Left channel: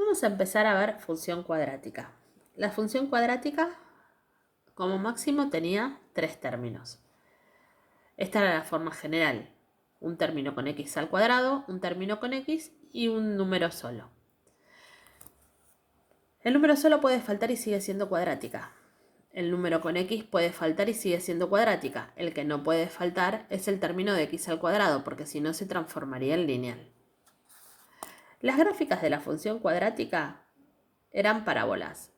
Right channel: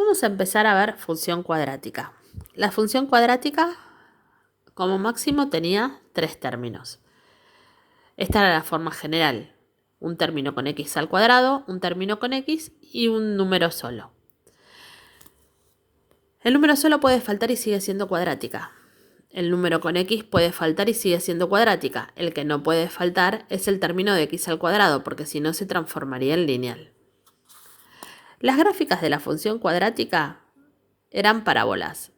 Vamos a empezar a ver función cuadrática. La función cuadrática, como máximo, tenía 3 términos. Esta era la forma general. Un término con x al cuadrado, un término con x y un número solo. El número solo puede faltar y sigue siendo cuadrática. El número con x puede faltar y sigue siendo cuadrática. El que no puede faltar es el término de x al cuadrado, porque si no se transformaría en lineal. Las gráficas de la función cuadrática eran parábolas.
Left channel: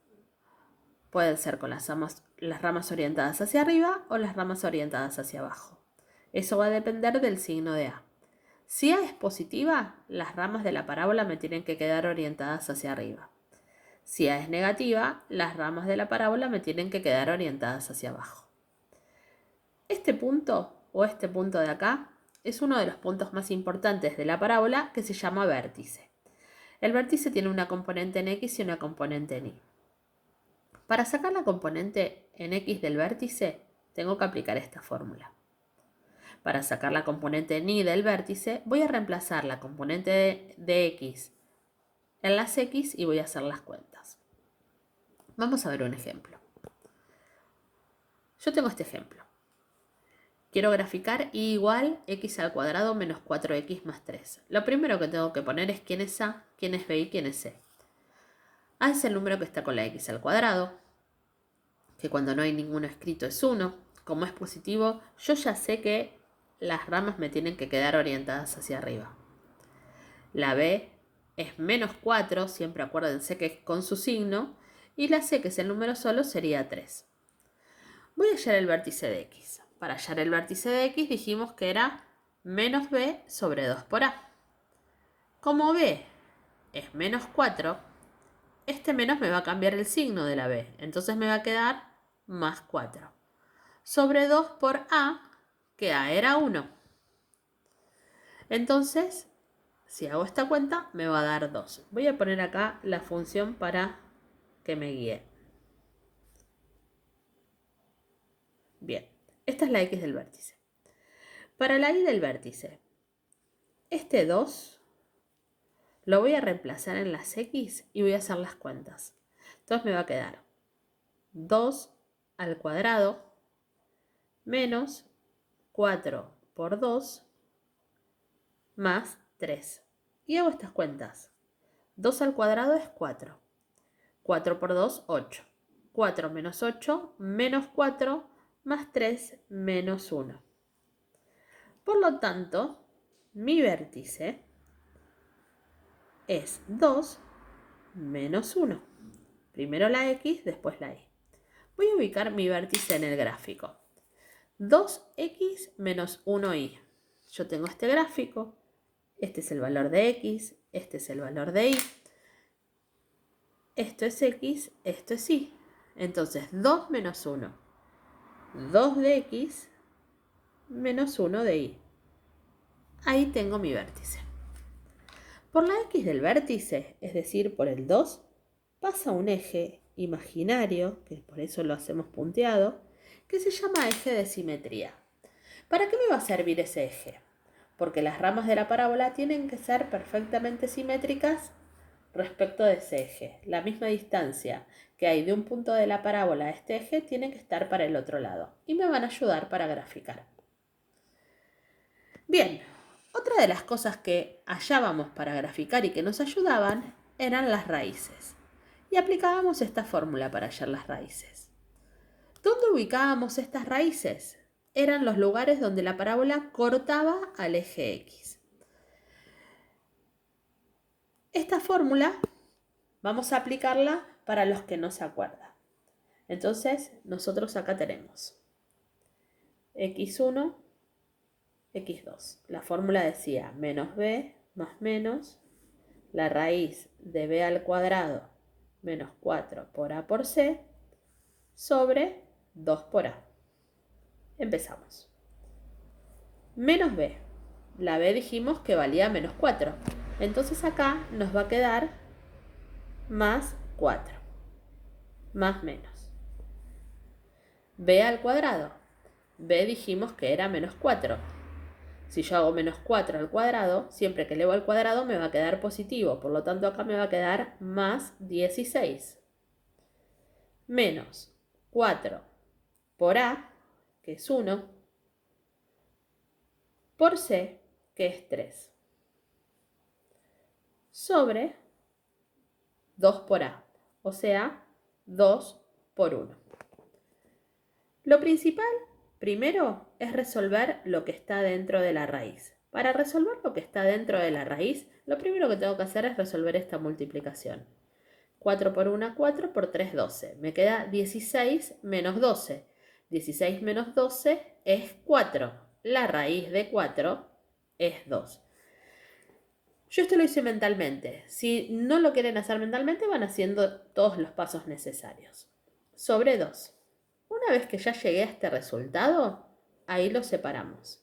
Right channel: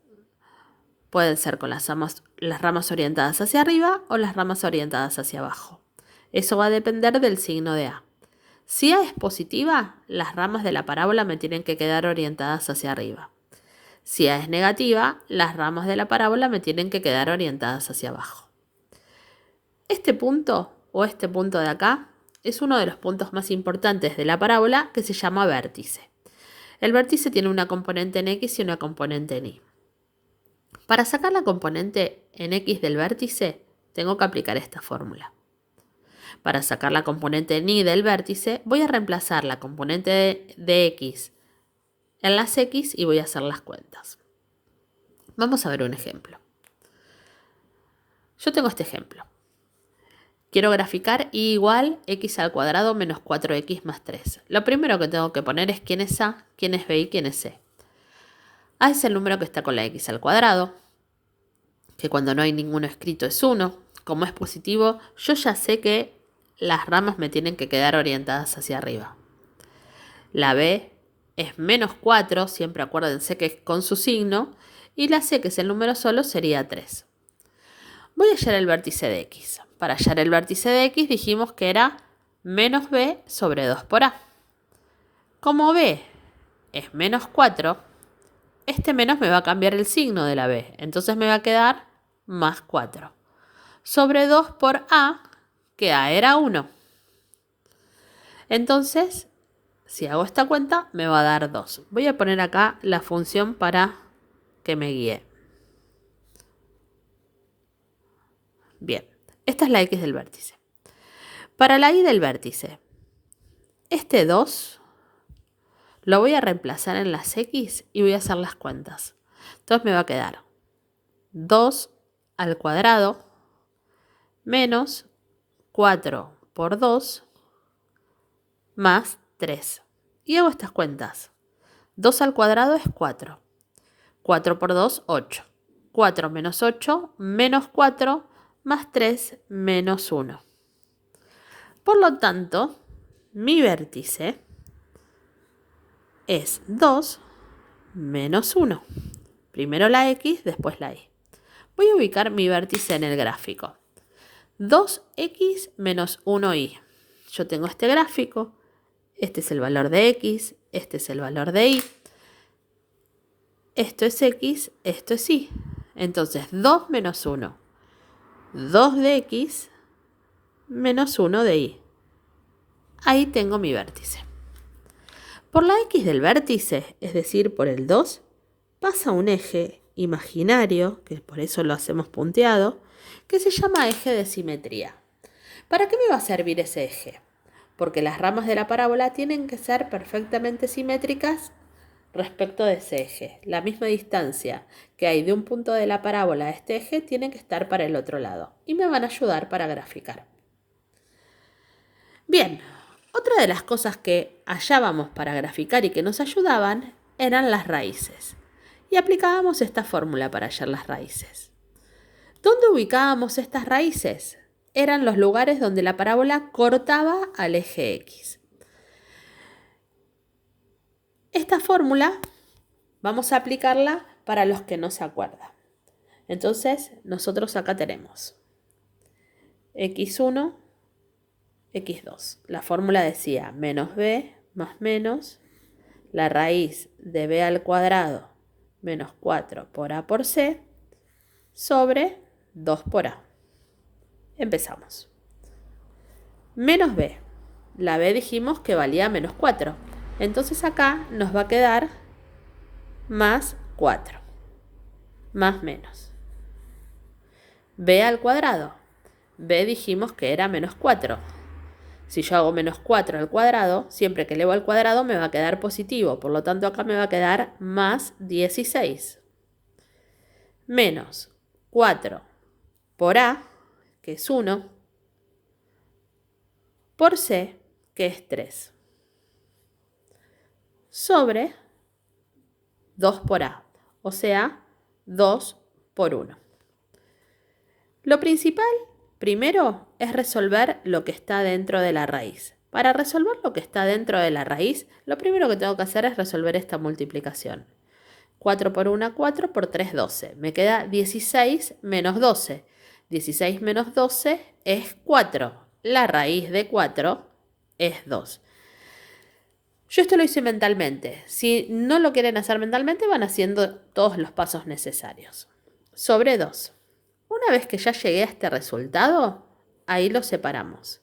Pueden ser con las ramas orientadas hacia arriba o las ramas orientadas hacia abajo. Eso va a depender del signo de A. Si A es positiva, las ramas de la parábola me tienen que quedar orientadas hacia arriba. Si A es negativa, las ramas de la parábola me tienen que quedar orientadas hacia abajo. Este punto, o este punto de acá, es uno de los puntos más importantes de la parábola, que se llama vértice. El vértice tiene una componente en X y una componente en Y. Para sacar la componente en X del vértice, tengo que aplicar esta fórmula. Para sacar la componente en Y del vértice, voy a reemplazar la componente de X en las X y voy a hacer las cuentas. Vamos a ver un ejemplo. Yo tengo este ejemplo. Quiero graficar y igual x al cuadrado menos 4x más 3. Lo primero que tengo que poner es quién es A, quién es B y quién es C. A es el número que está con la x al cuadrado, que cuando no hay ninguno escrito es 1. Como es positivo, yo ya sé que las ramas me tienen que quedar orientadas hacia arriba. La B es menos 4, siempre acuérdense que es con su signo, y la C, que es el número solo, sería 3. Voy a hallar el vértice de X. Para hallar el vértice de X dijimos que era menos B sobre 2 por A. Como B es menos 4, este menos me va a cambiar el signo de la B. Entonces me va a quedar más 4. Sobre 2 por A, que A era 1. Entonces, si hago esta cuenta, me va a dar 2. Voy a poner acá la función para que me guíe. Bien, esta es la X del vértice. Para la Y del vértice, este 2 lo voy a reemplazar en las X y voy a hacer las cuentas. Entonces me va a quedar 2 al cuadrado menos 4 por 2 más 3. Y hago estas cuentas. 2 al cuadrado es 4. 4 por 2, 8. 4 menos 8 menos 4 más 3 menos 1. Por lo tanto, mi vértice es 2 menos 1. Primero la X, después la Y. Voy a ubicar mi vértice en el gráfico. 2x menos 1y. Yo tengo este gráfico. Este es el valor de X. Este es el valor de Y. Esto es X. Esto es Y. Entonces, 2 menos 1. 2 de X menos 1 de Y. Ahí tengo mi vértice. Por la X del vértice, es decir, por el 2, pasa un eje imaginario, que por eso lo hacemos punteado, que se llama eje de simetría. ¿Para qué me va a servir ese eje? Porque las ramas de la parábola tienen que ser perfectamente simétricas respecto de ese eje. La misma distancia que hay de un punto de la parábola a este eje tiene que estar para el otro lado y me van a ayudar para graficar. Bien, otra de las cosas que hallábamos para graficar y que nos ayudaban eran las raíces. Y aplicábamos esta fórmula para hallar las raíces. ¿Dónde ubicábamos estas raíces? Eran los lugares donde la parábola cortaba al eje X. Esta fórmula vamos a aplicarla para los que no se acuerdan. Entonces, nosotros acá tenemos x1, x2. La fórmula decía menos b más menos la raíz de b al cuadrado menos 4 por a por c sobre 2 por a. Empezamos. Menos b. La b dijimos que valía menos 4. Entonces acá nos va a quedar más 4. Más menos. B al cuadrado. B dijimos que era menos 4. Si yo hago menos 4 al cuadrado, siempre que elevo al cuadrado me va a quedar positivo. Por lo tanto, acá me va a quedar más 16. Menos 4 por A, que es 1, por C, que es 3. Sobre 2 por A, o sea, 2 por 1. Lo principal, primero, es resolver lo que está dentro de la raíz. Para resolver lo que está dentro de la raíz, lo primero que tengo que hacer es resolver esta multiplicación. 4 por 1, 4, por 3, 12. Me queda 16 menos 12. 16 menos 12 es 4. La raíz de 4 es 2. Yo esto lo hice mentalmente. Si no lo quieren hacer mentalmente, van haciendo todos los pasos necesarios. Sobre 2. Una vez que ya llegué a este resultado, ahí lo separamos.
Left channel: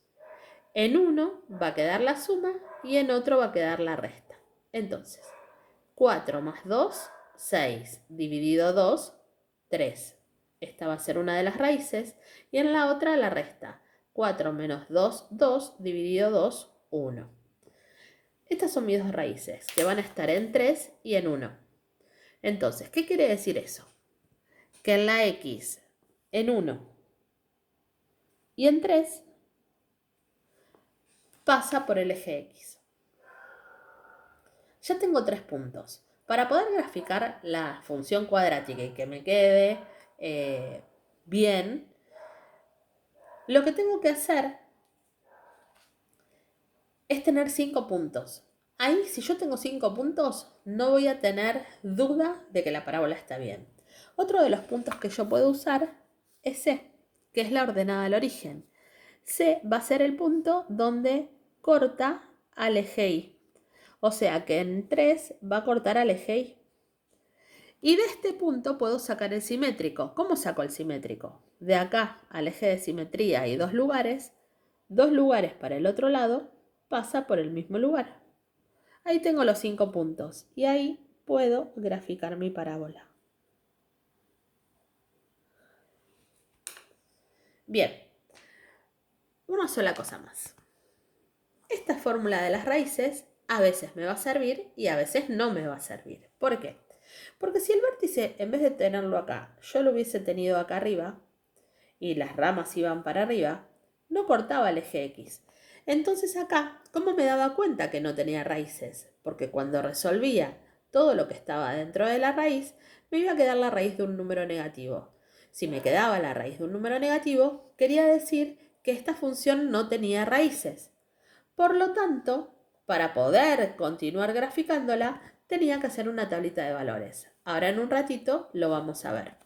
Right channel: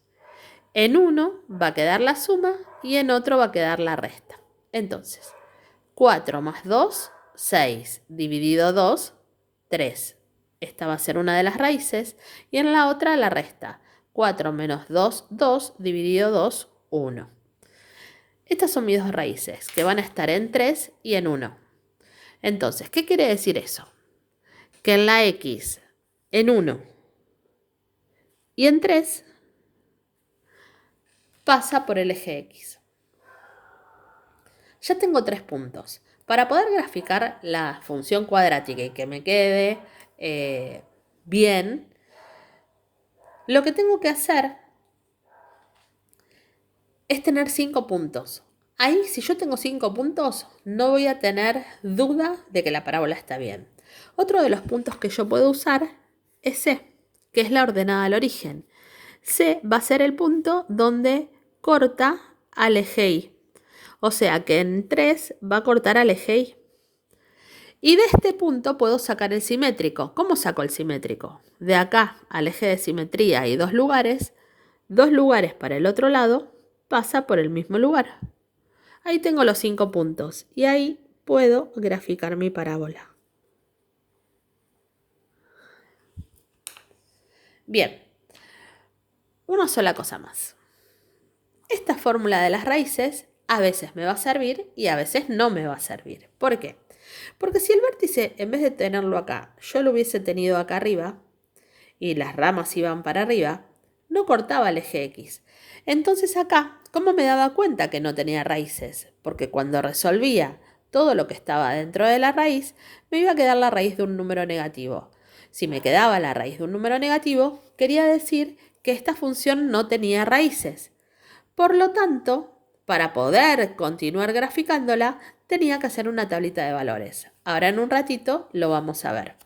En uno va a quedar la suma y en otro va a quedar la resta. Entonces, 4 más 2, 6, dividido 2, 3. Esta va a ser una de las raíces y en la otra la resta. 4 menos 2, 2, dividido 2, 1. Estas son mis dos raíces, que van a estar en 3 y en 1. Entonces, ¿qué quiere decir eso? Que en la X, en 1 y en 3, pasa por el eje X. Ya tengo 3 puntos. Para poder graficar la función cuadrática y que me quede bien, lo que tengo que hacer es tener 5 puntos. Ahí, si yo tengo 5 puntos, no voy a tener duda de que la parábola está bien. Otro de los puntos que yo puedo usar es C, que es la ordenada al origen. C va a ser el punto donde corta al eje Y. O sea que en 3 va a cortar al eje Y. Y de este punto puedo sacar el simétrico. ¿Cómo saco el simétrico? De acá al eje de simetría hay 2 lugares para el otro lado, pasa por el mismo lugar. Ahí tengo los 5 puntos y ahí puedo graficar mi parábola. Bien, una sola cosa más. Esta fórmula de las raíces a veces me va a servir y a veces no me va a servir. ¿Por qué? Porque si el vértice, en vez de tenerlo acá, yo lo hubiese tenido acá arriba y las ramas iban para arriba, no cortaba el eje X. Entonces acá, ¿cómo me daba cuenta que no tenía raíces? Porque cuando resolvía todo lo que estaba dentro de la raíz, me iba a quedar la raíz de un número negativo. Si me quedaba la raíz de un número negativo, quería decir que esta función no tenía raíces. Por lo tanto, para poder continuar graficándola, tenía que hacer una tablita de valores. Ahora en un ratito lo vamos a ver.